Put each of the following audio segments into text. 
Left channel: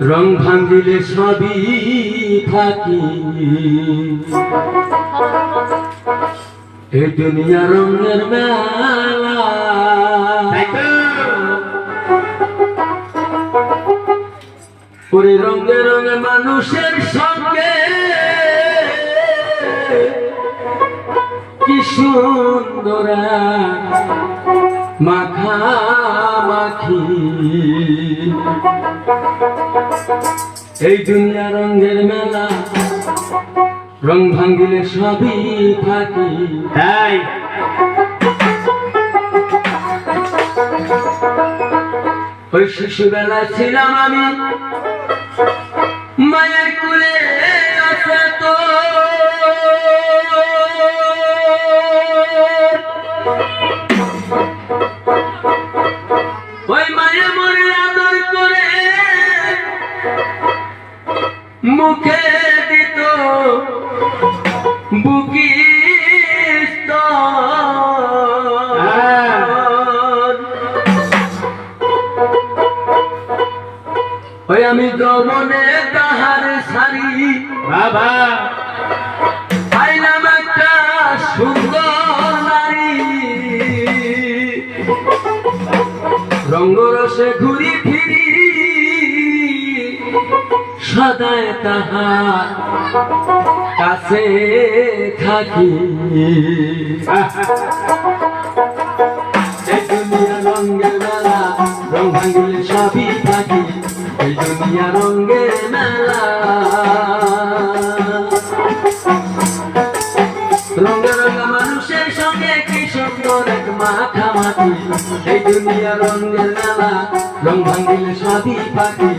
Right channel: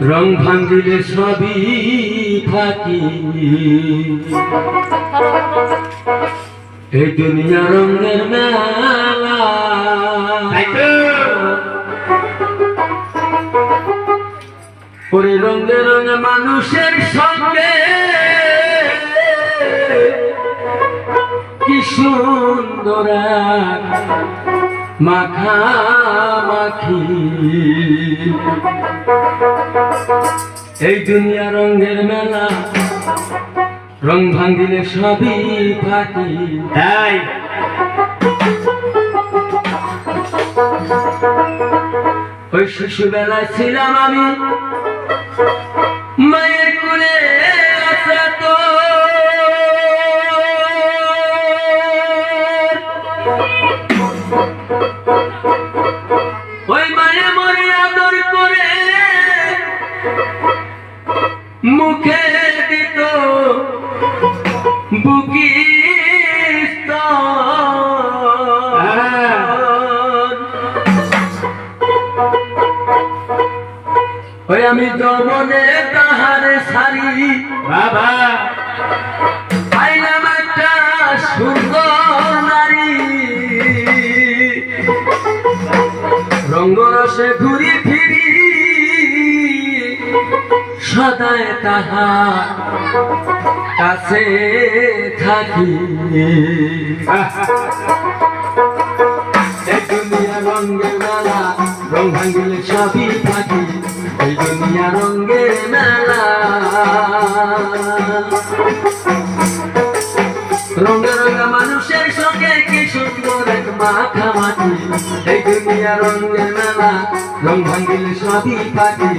রং ভাঙ্গিলে সবই থাকি। এই দুনিয়া রঙের মেলা। ওরে রঙে রঙে মানুষের সঙ্গে কি সুন্দর মাখামাখি এই দুনিয়া রঙের মেলা রং ভাঙ্গিলে সবই থাকি। তাই? ওই শিশুবেলায় ছিলাম আমি মায়ের কুলে আমি যৌবনে তাহারে সারি বাবা। পাইলাম একটা সুন্দর নারী। রঙ্গরসে ঘুরি ফিরি সদায় তাহা কাছে থাকি। এই দুনিয়া রঙের মেলা রং ভাঙিলে সবই থাকি রঙের মেলা। রঙে মানুষের সঙ্গে কি সুন্দর এক মাখামাখি। এই দুনিয়া রঙের মেলা, রং ভাঙিলে সবই পাখি।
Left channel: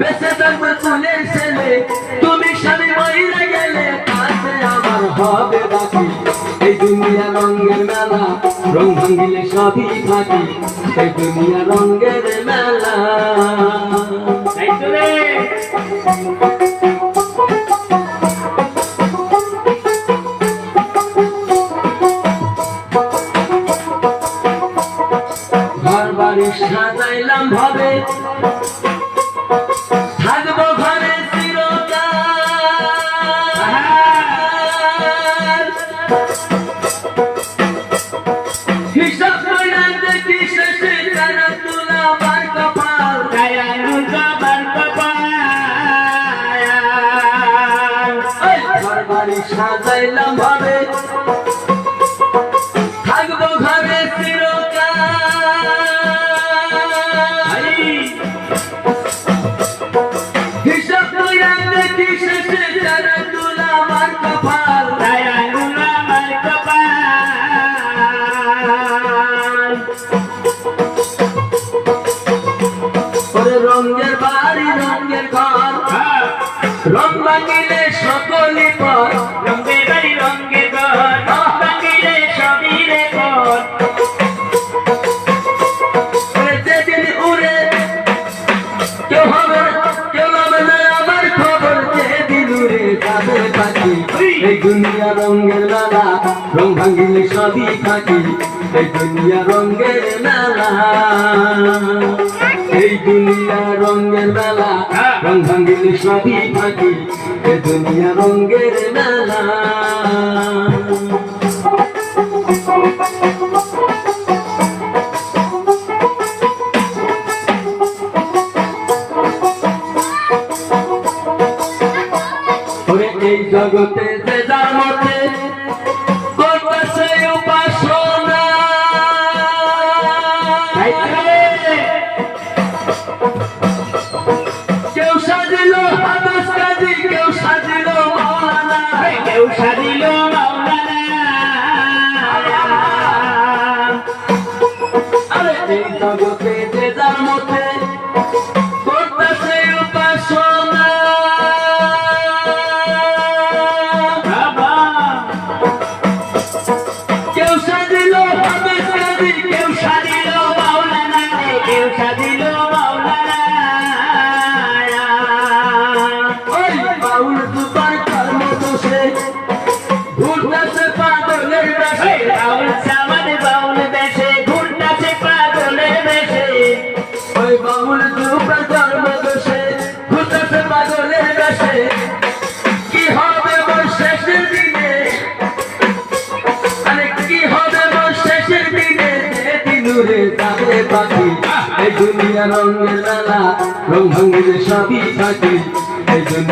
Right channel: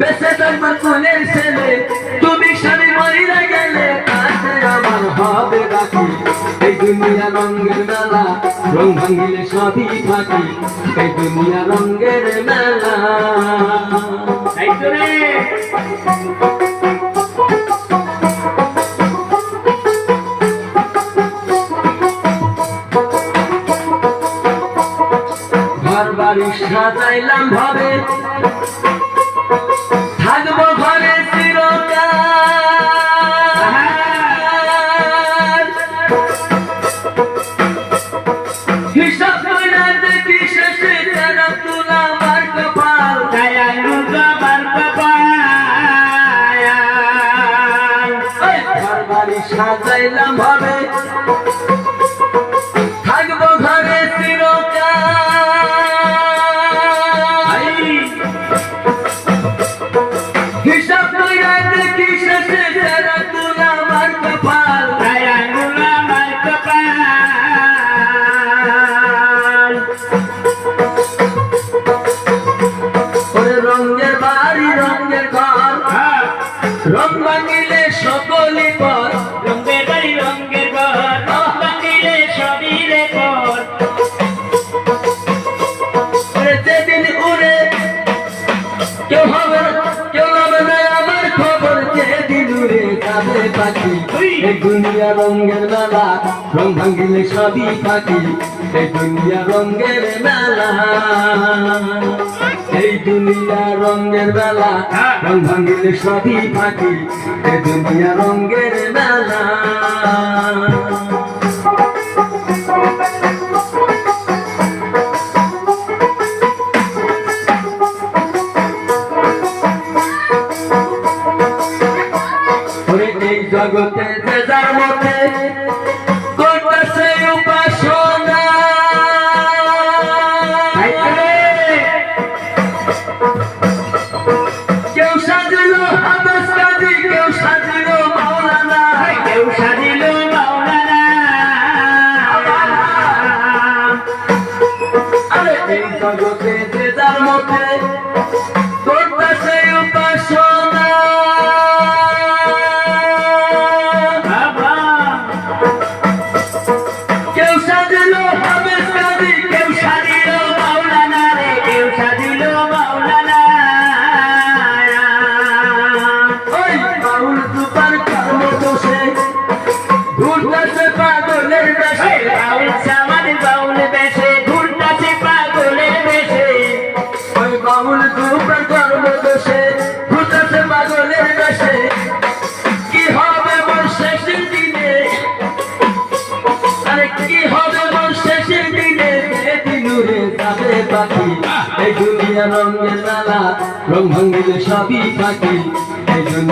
বেসে তোমার কুলের ছেলে। তুমি স্বামী মহিলা গেলে কাছে আমার হবে বাকি। এই দুনিয়া রঙের মেলা রং ভাঙিলে সবই ফাঁকি। এই দুনিয়া রঙের মেলা। সাজাইলাম ভাবে। থাকি থাকি এই দুনিয়া রঙের মেলা। এই দুনিয়া রঙের মেলা। হ্যাঁ। রং ভাঙ্গিলে সবই থাকি এই দুনিয়া রঙের মেলা। I Thank you.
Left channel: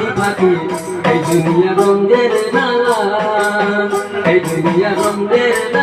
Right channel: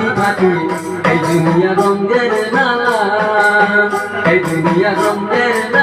মাটি ফাটি এই দুনিয়া রঙ্গের না এই দুনিয়া রঙ্গের না।